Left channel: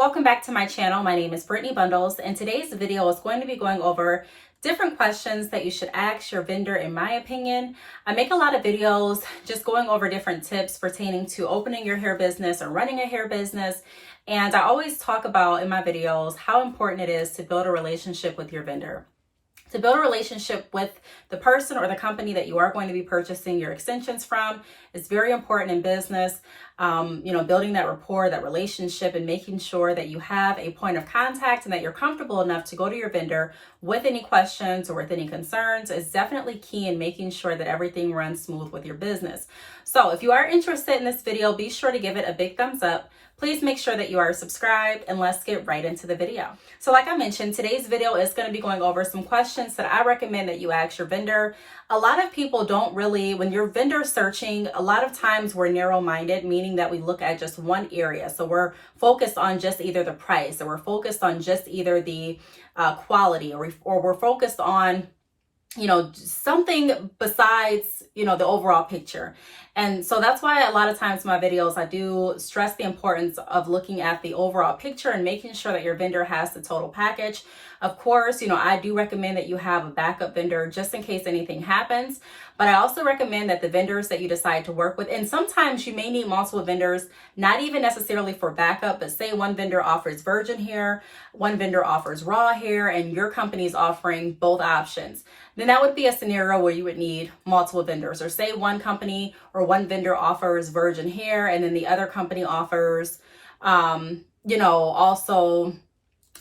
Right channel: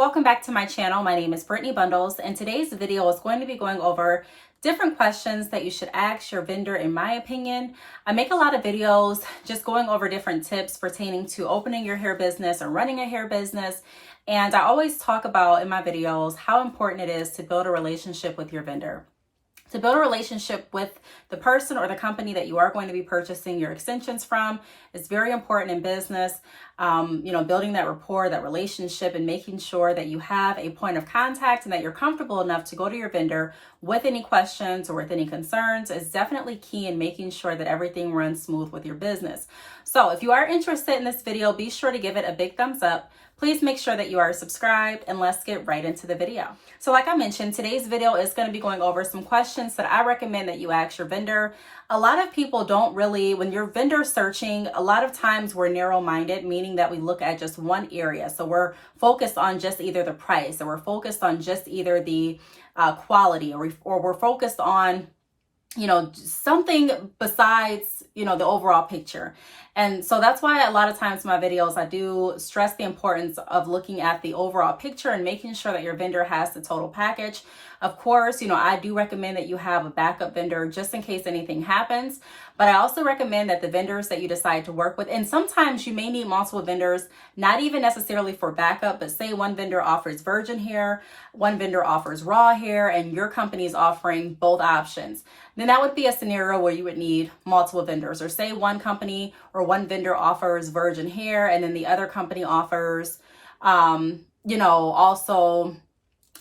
welcome back to my channel. My name is Brittany Bundles, and today's video is going to be going over different questions that you should ask your vendor. In my opinion, I make a lot of videos just going over different tips pertaining to opening your hair business or running a hair business. And I always talk about in my videos how important it is to build a relationship with your vendor. To build a relationship with the person or the company that you are going to be purchasing your extensions from is very important in business. Building that rapport, that relationship, and making sure that you have a point of contact and that you're comfortable enough to go to your vendor with any questions or with any concerns is definitely key in making sure that everything runs smooth with your business. So if you are interested in this video, be sure to give it a big thumbs up. Please make sure that you are subscribed, and let's get right into the video. So like I mentioned, today's video is going to be going over some questions that I recommend that you ask your vendor. A lot of people don't really, when you're vendor searching, a lot of times we're narrow-minded, meaning that we look at just one area. So we're focused on just either the price, or we're focused on just either the quality, or we're focused on something besides, the overall picture. And so that's why a lot of times in my videos, I do stress the importance of looking at the overall picture and making sure that your vendor has the total package. Of course, I do recommend that you have a backup vendor just in case anything happens. But I also recommend that the vendors that you decide to work with, and sometimes you may need multiple vendors, not even necessarily for backup, but say one vendor offers virgin hair, one vendor offers raw hair, and your company is offering both options. Then that would be a scenario where you would need multiple vendors. Or say one company or one vendor offers virgin hair, and then the other company offers, also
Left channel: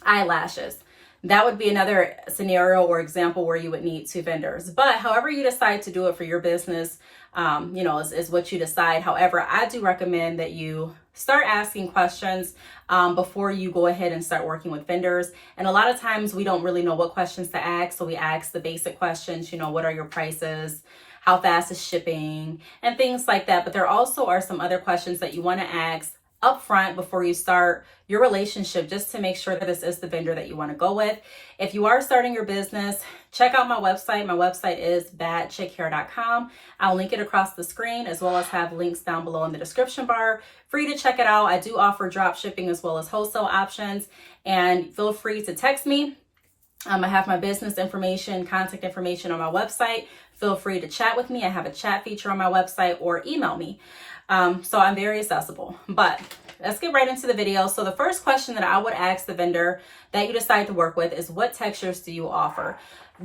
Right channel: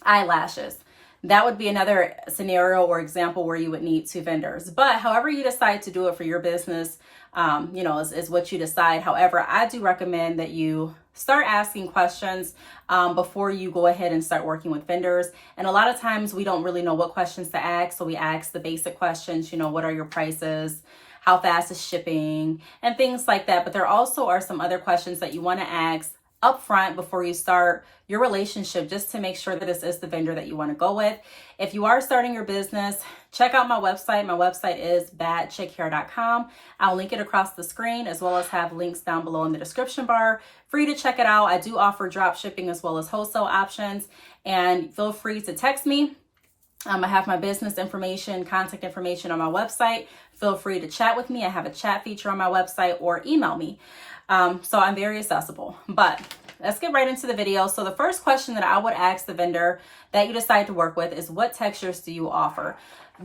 eyelashes. That would be another scenario or example where you would need two vendors. But however you decide to do it for your business, is what you decide. However, I do recommend that you start asking questions before you go ahead and start working with vendors. And a lot of times we don't really know what questions to ask. So we ask the basic questions, what are your prices? How fast is shipping? And things like that. But there also are some other questions that you want to ask upfront before you start your relationship, just to make sure that this is the vendor that you want to go with. If you are starting your business, check out my website. My website is badchickhair.com. I'll link it across the screen, as well as have links down below in the description bar. Free to check it out. I do offer drop shipping as well as wholesale options, and feel free to text me. I have my business information, contact information on my website. Feel free to chat with me. I have a chat feature on my website, or email me. So I'm very accessible. But let's get right into the video. So the first question that I would ask the vendor that you decide to work with is, what textures do you offer?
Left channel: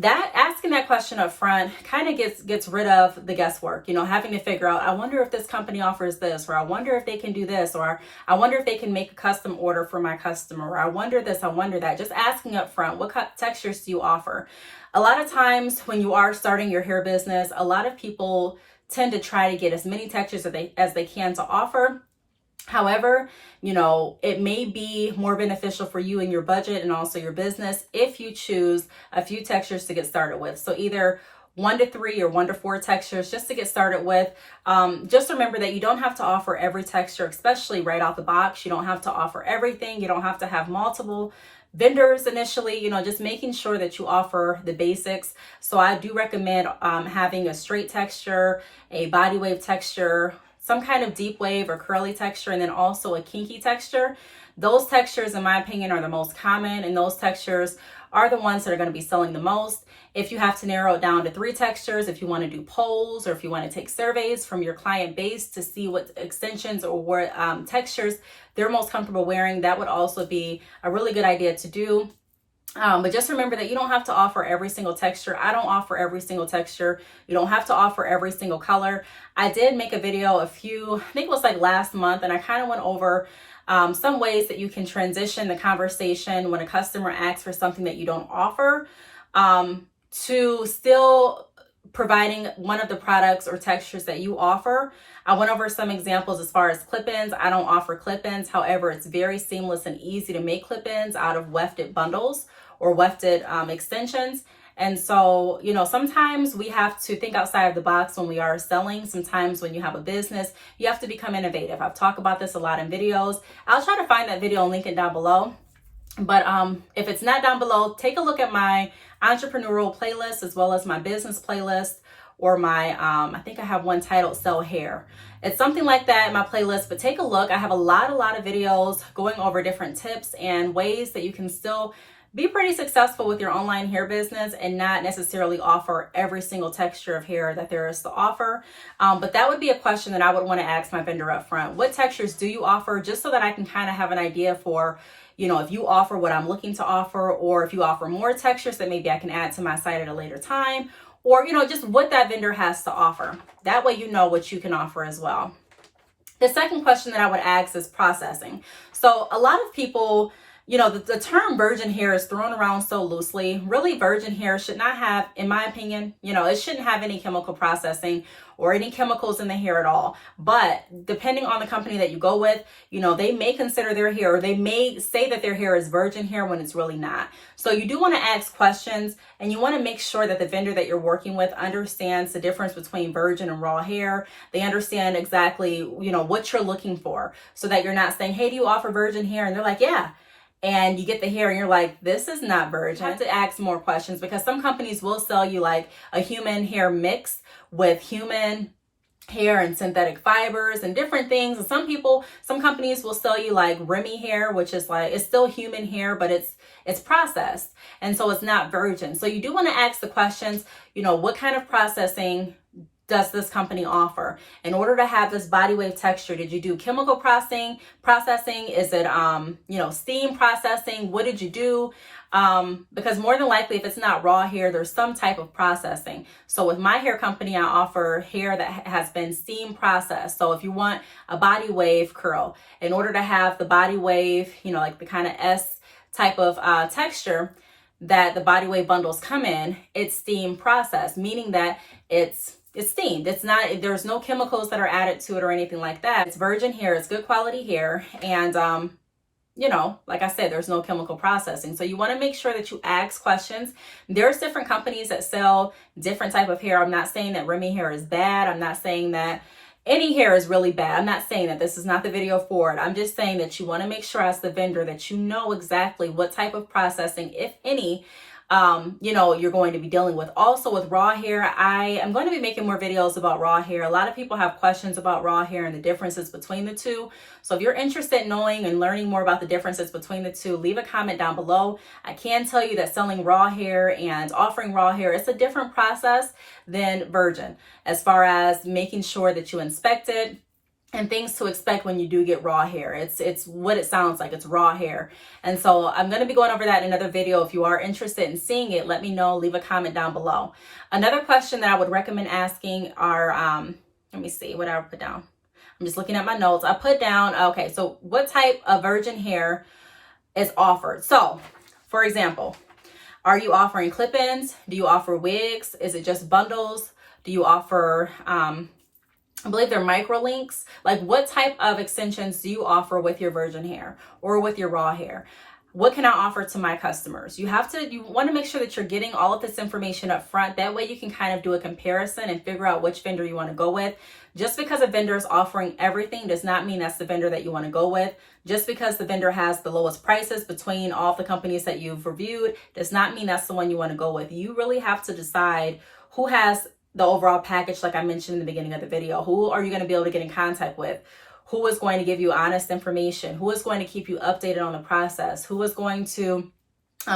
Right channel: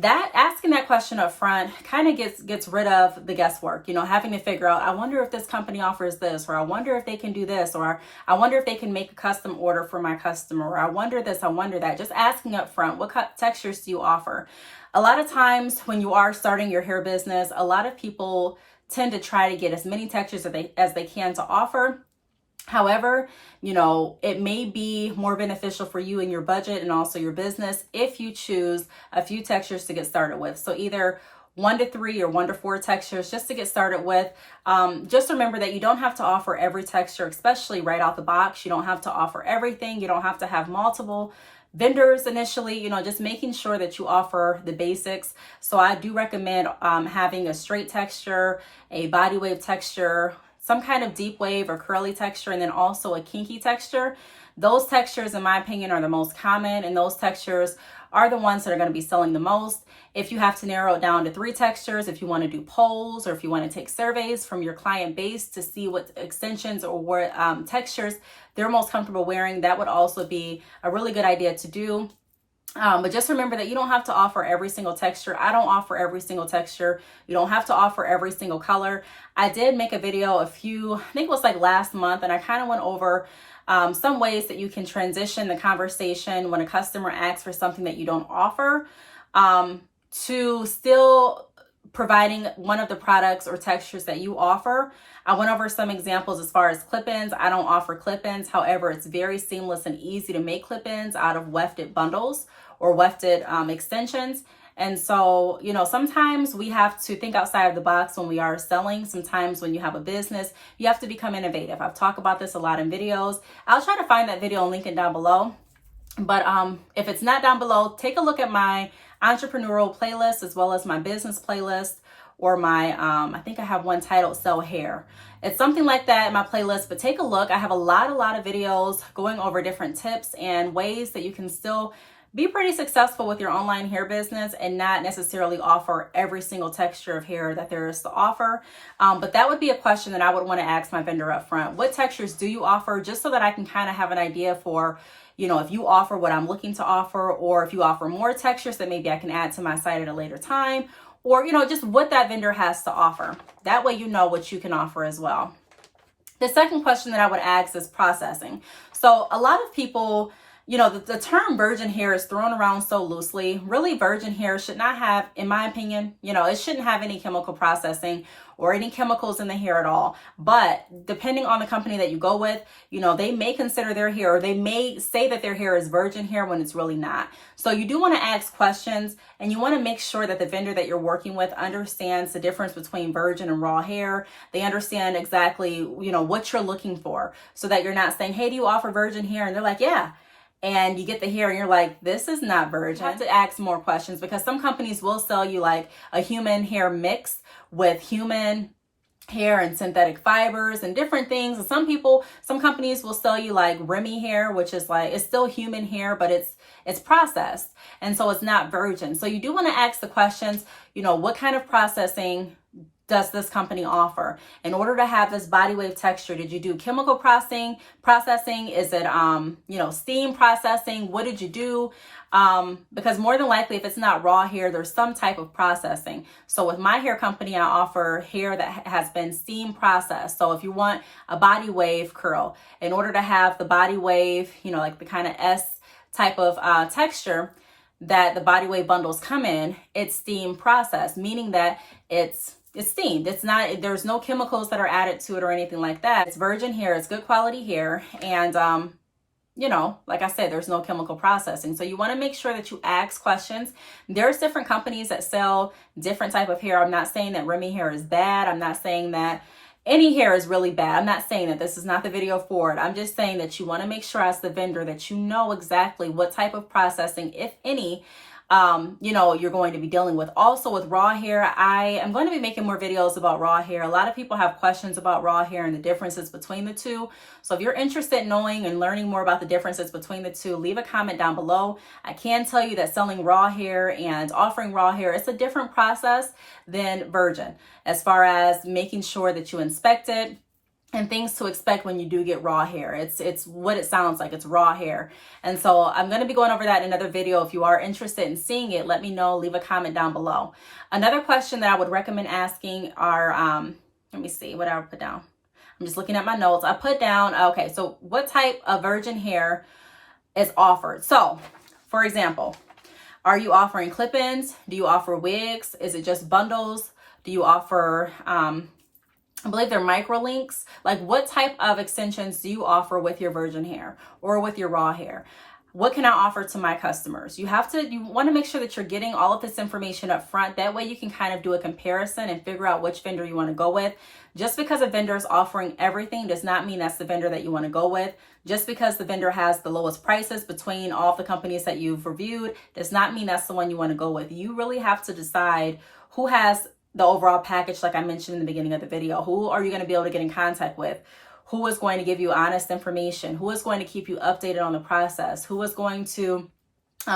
Asking that question up front kind of gets rid of the guesswork, having to figure out, I wonder if this company offers this, or I wonder if they can do this, or I wonder if they can make a custom order for my customer, or I wonder this, I wonder that. Just asking up front, what textures do you offer? A lot of times when you are starting your hair business, a lot of people tend to try to get as many textures as they can to offer. However, it may be more beneficial for you and your budget and also your business if you choose a few textures to get started with. So either 1 to 3 or 1 to 4 textures just to get started with. Just remember that you don't have to offer every texture, especially right out the box. You don't have to offer everything. You don't have to have multiple vendors initially, just making sure that you offer the basics. So I do recommend having a straight texture, a body wave texture, some kind of deep wave or curly texture, and then also a kinky texture. Those textures, in my opinion, are the most common, and those textures are the ones that are going to be selling the most. If you have to narrow it down to 3 textures, if you want to do polls, or if you want to take surveys from your client base to see what extensions or what textures they're most comfortable wearing, that would also be a really good idea to do. But just remember that you don't have to offer every single texture. I don't offer every single texture. You don't have to offer every single color. I did make a video I think it was like last month, and I kind of went over some ways that you can transition the conversation when a customer asks for something that you don't offer, to still providing one of the products or textures that you offer. I went over some examples as far as clip-ins. I don't offer clip-ins. However, it's very seamless and easy to make clip-ins out of wefted bundles or wefted extensions. And so, sometimes we have to think outside of the box when we are selling. Sometimes when you have a business, you have to become innovative. I've talked about this a lot in videos. I'll try to find that video and link it down below. But if it's not down below, take a look at my entrepreneurial playlist, as well as my business playlist, or my, I think I have one titled Sell Hair. It's something like that in my playlist, but take a look. I have a lot of videos going over different tips and ways that you can still be pretty successful with your online hair business and not necessarily offer every single texture of hair that there is to offer. But that would be a question that I would want to ask my vendor up front. What textures do you offer? Just so that I can kind of have an idea for, you know, if you offer what I'm looking to offer, or if you offer more textures that maybe I can add to my site at a later time, or, you know, just what that vendor has to offer. That way you know what you can offer as well. The second question that I would ask is processing. So a lot of people, you know, the term virgin hair is thrown around so loosely. Really, virgin hair should not have, in my opinion, you know, it shouldn't have any chemical processing or any chemicals in the hair at all. But depending on the company that you go with, you know, they may consider their hair, or they may say that their hair is virgin hair when it's really not. So you do want to ask questions, and you want to make sure that the vendor that you're working with understands the difference between virgin and raw hair. They understand exactly, you know, what you're looking for, so that you're not saying, hey, do you offer virgin hair? And they're like, yeah. And you get the hair and you're like, this is not virgin. You have to ask more questions, because some companies will sell you like a human hair mix with human hair and synthetic fibers and different things. And some companies will sell you like Remy hair, which is like, it's still human hair, but it's processed. And so it's not virgin. So you do want to ask the questions, you know, what kind of processing does this company offer? In order to have this body wave texture, did you do chemical processing? Is it, you know, steam processing? What did you do? Because more than likely, if it's not raw hair, there's some type of processing. So with my hair company, I offer hair that has been steam processed. So if you want a body wave curl, in order to have the body wave, you know, like the kind of S type of texture that the body wave bundles come in, it's steam processed, meaning that it's steamed. It's not, there's no chemicals that are added to it or anything like that. It's virgin hair, it's good quality hair. And, you know, like I said, there's no chemical processing. So you want to make sure that you ask questions. There's different companies that sell different type of hair. I'm not saying that Remy hair is bad. I'm not saying that any hair is really bad. I'm not saying that. This is not the video for it. I'm just saying that you want to make sure as the vendor that you know exactly what type of processing, if any, you know, you're going to be dealing with. Also with raw hair, I am going to be making more videos about raw hair. A lot of people have questions about raw hair and the differences between the two. So if you're interested in knowing and learning more about the differences between the two, leave a comment down below. I can tell you that selling raw hair and offering raw hair, it's a different process than virgin, as far as making sure that you inspect it and things to expect when you do get raw hair. It's what it sounds like. It's raw hair. And so I'm going to be going over that in another video. If you are interested in seeing it, let me know. Leave a comment down below. Another question that I would recommend asking are, let me see what I would put down. I'm just looking at my notes. I put down, okay, so what type of virgin hair is offered? So, for example, are you offering clip-ins? Do you offer wigs? Is it just bundles? Do you offer, I believe they're micro links? Like, what type of extensions do you offer with your virgin hair or with your raw hair? What can I offer to my customers? You want to make sure that you're getting all of this information up front. That way you can kind of do a comparison and figure out which vendor you want to go with. Just because a vendor is offering everything does not mean that's the vendor that you want to go with. Just because the vendor has the lowest prices between all of the companies that you've reviewed does not mean that's the one you want to go with. You really have to decide who has the overall package, like I mentioned in the beginning of the video. Who are you going to be able to get in contact with? Who is going to give you honest information? Who is going to keep you updated on the process? Who is going to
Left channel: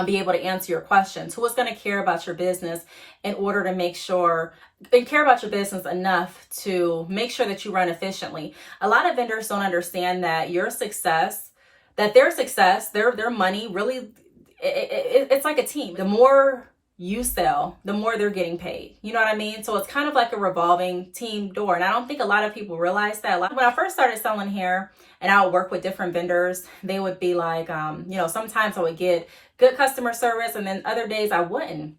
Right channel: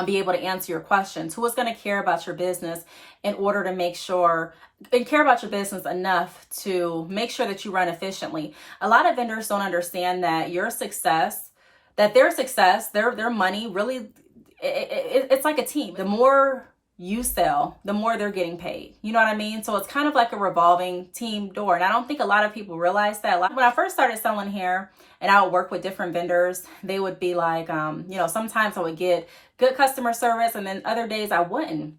be able to answer your questions? Who is going to care about your business in order to make sure, and care about your business enough to make sure that you run efficiently? A lot of vendors don't understand that your success, that their success, their money, really, it's like a team. The more you sell, the more they're getting paid. You know what I mean? So it's kind of like a revolving team door. And I don't think a lot of people realize that. When I first started selling hair and I would work with different vendors, they would be like, you know, sometimes I would get good customer service and then other days I wouldn't.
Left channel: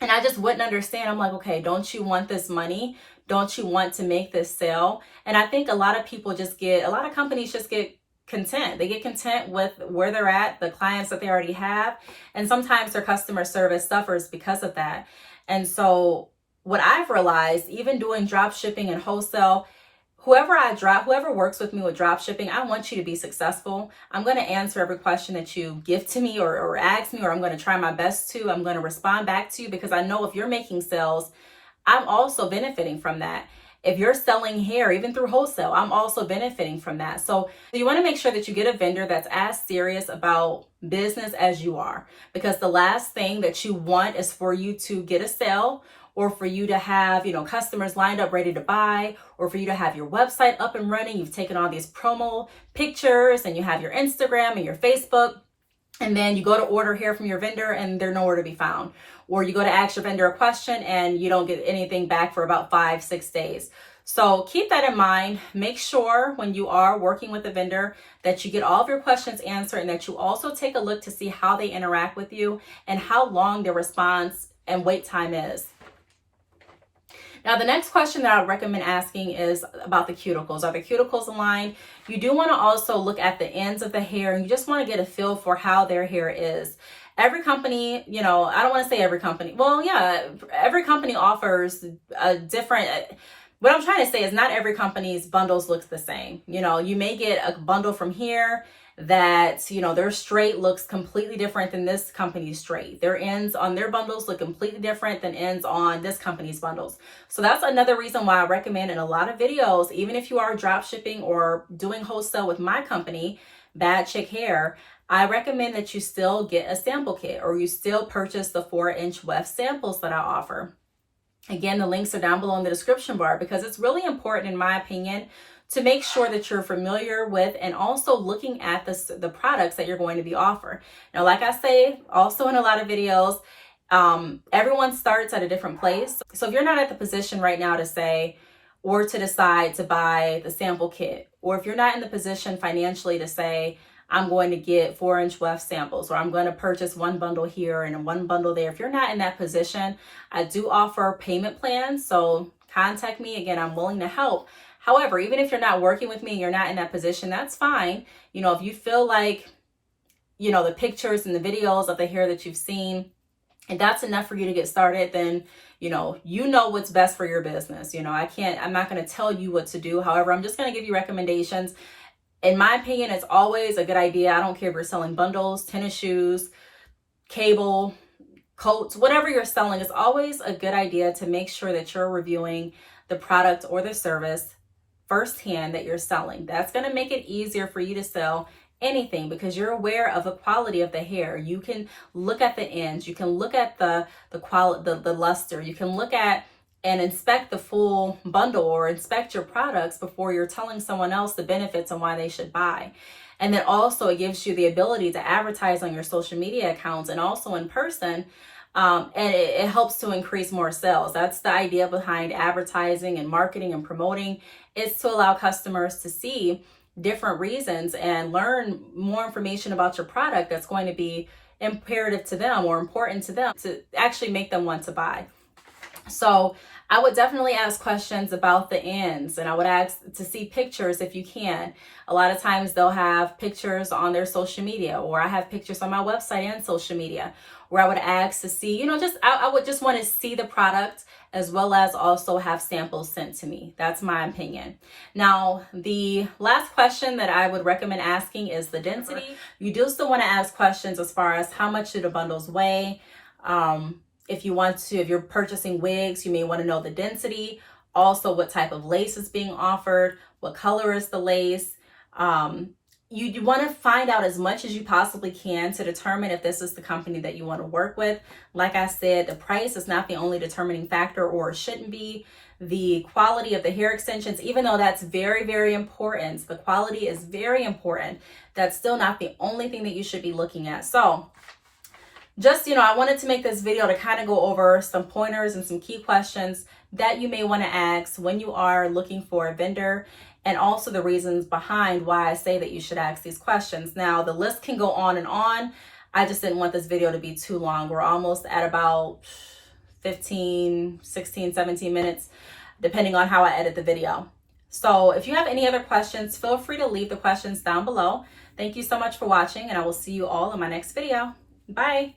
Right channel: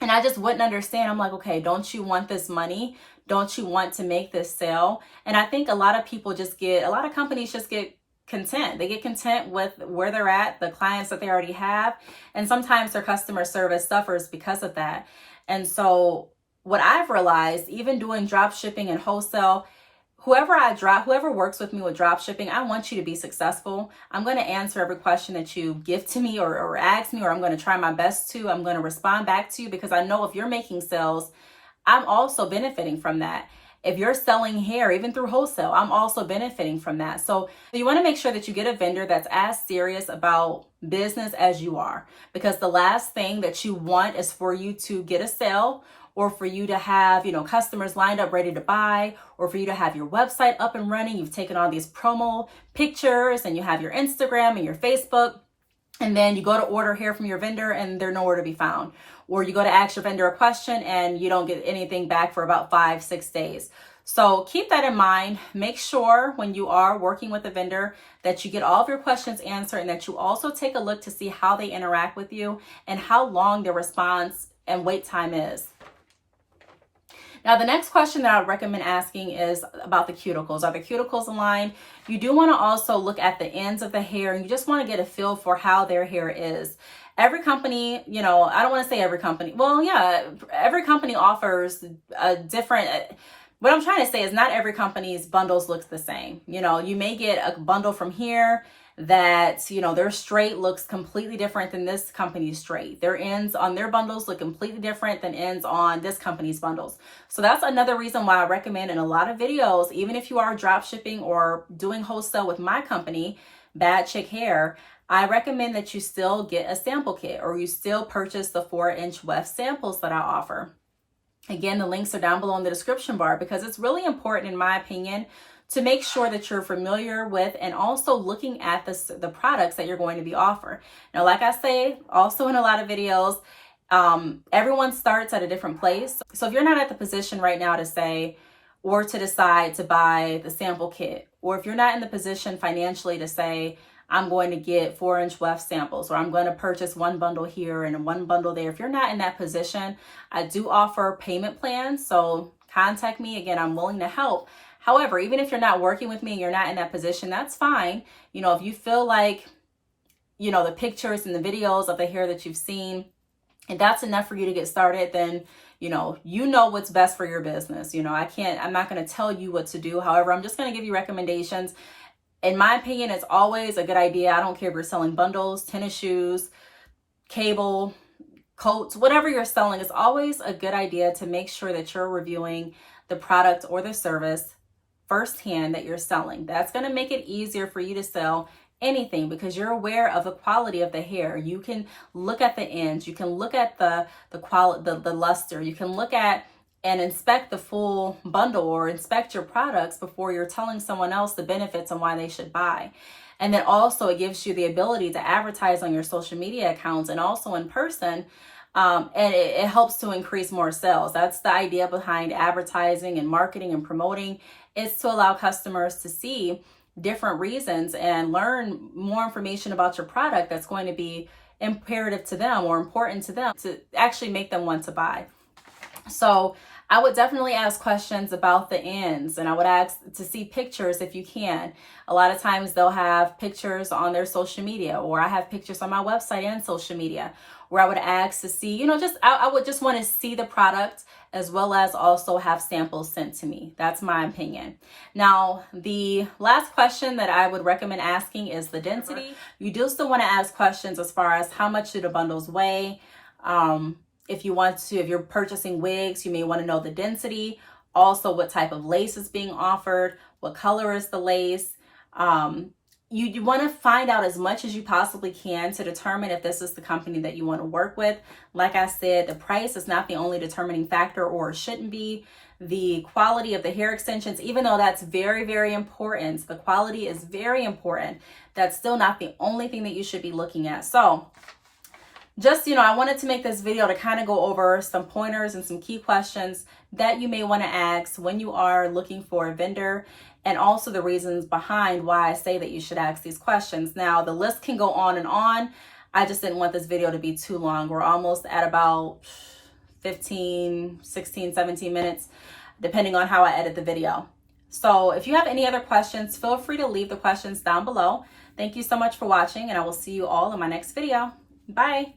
And I just wouldn't understand. I'm like, okay, don't you want this money? Don't you want to make this sale? And I think a lot of companies just get content. They get content with where they're at, the clients that they already have. And sometimes their customer service suffers because of that. And what I've realized, even doing drop shipping and wholesale, whoever works with me with drop shipping, I want you to be successful. I'm going to answer every question that you give to me or ask me, or I'm going to try my best to. I'm going to respond back to you because I know if you're making sales, I'm also benefiting from that. If you're selling hair, even through wholesale, I'm also benefiting from that. So you want to make sure that you get a vendor that's as serious about business as you are, because the last thing that you want is for you to get a sale, or for you to have, customers lined up ready to buy, or for you to have your website up and running. You've taken all these promo pictures and you have your Instagram and your Facebook, and then you go to order hair from your vendor and they're nowhere to be found. Or you go to ask your vendor a question and you don't get anything back for about 5-6 days. So keep that in mind. Make sure when you are working with a vendor that you get all of your questions answered, and that you also take a look to see how they interact with you and how long their response and wait time is. Now, the next question that I would recommend asking is about the cuticles. Are the cuticles aligned? You do want to also look at the ends of the hair, and you just want to get a feel for how their hair is. Every company, I don't want to say every company. Well, yeah, every company offers a different, what I'm trying to say is not every company's bundles looks the same. You may get a bundle from here that, their straight looks completely different than this company's straight. Their ends on their bundles look completely different than ends on this company's bundles. So that's another reason why I recommend in a lot of videos, even if you are drop shipping or doing wholesale with my company, Bad Chick Hair, I recommend that you still get a sample kit, or you still purchase the 4-inch weft samples that I offer. Again, the links are down below in the description bar, because it's really important, in my opinion, to make sure that you're familiar with and also looking at the products that you're going to be offered. Now, like I say, also in a lot of videos, everyone starts at a different place. So if you're not at the position right now to say, or to decide to buy the sample kit, or if you're not in the position financially to say, I'm going to get 4-inch weft samples, or I'm going to purchase one bundle here and one bundle there. If you're not in that position, I do offer payment plans. So contact me. Again, I'm willing to help. However, even if you're not working with me and you're not in that position, that's fine. If you feel like, the pictures and the videos of the hair that you've seen, and that's enough for you to get started, then, you know what's best for your business. I'm not going to tell you what to do. However, I'm just going to give you recommendations. In my opinion, it's always a good idea. I don't care if you're selling bundles, tennis shoes, cable, coats, whatever you're selling, it's always a good idea to make sure that you're reviewing the product or the service firsthand that you're selling. That's going to make it easier for you to sell anything, because you're aware of the quality of the hair. You can look at the ends, you can look at the quality, the luster, you can look at and inspect the full bundle, or inspect your products before you're telling someone else the benefits and why they should buy. And then also it gives you the ability to advertise on your social media accounts and also in person. And it helps to increase more sales. That's the idea behind advertising and marketing and promoting. It's to allow customers to see different reasons and learn more information about your product that's going to be imperative to them or important to them to actually make them want to buy. So I would definitely ask questions about the ends, and I would ask to see pictures if you can. A lot of times they'll have pictures on their social media, or I have pictures on my website and social media, where I would ask to see, I would just want to see the product, as well as also have samples sent to me. That's my opinion. Now, the last question that I would recommend asking is the density. You do still want to ask questions as far as how much do the bundles weigh. If you're purchasing wigs, you may want to know the density. Also, what type of lace is being offered, what color is the lace. You want to find out as much as you possibly can to determine if this is the company that you want to work with. Like I said, the price is not the only determining factor, or it shouldn't be. The quality of the hair extensions, even though that's very, very important, the quality is very important. That's still not the only thing that you should be looking at. So just, I wanted to make this video to kind of go over some pointers and some key questions that you may want to ask when you are looking for a vendor, and also the reasons behind why I say that you should ask these questions. Now, the list can go on and on. I just didn't want this video to be too long. We're almost at about 15, 16, 17 minutes, depending on how I edit the video. So if you have any other questions, feel free to leave the questions down below. Thank you so much for watching, and I will see you all in my next video. Bye.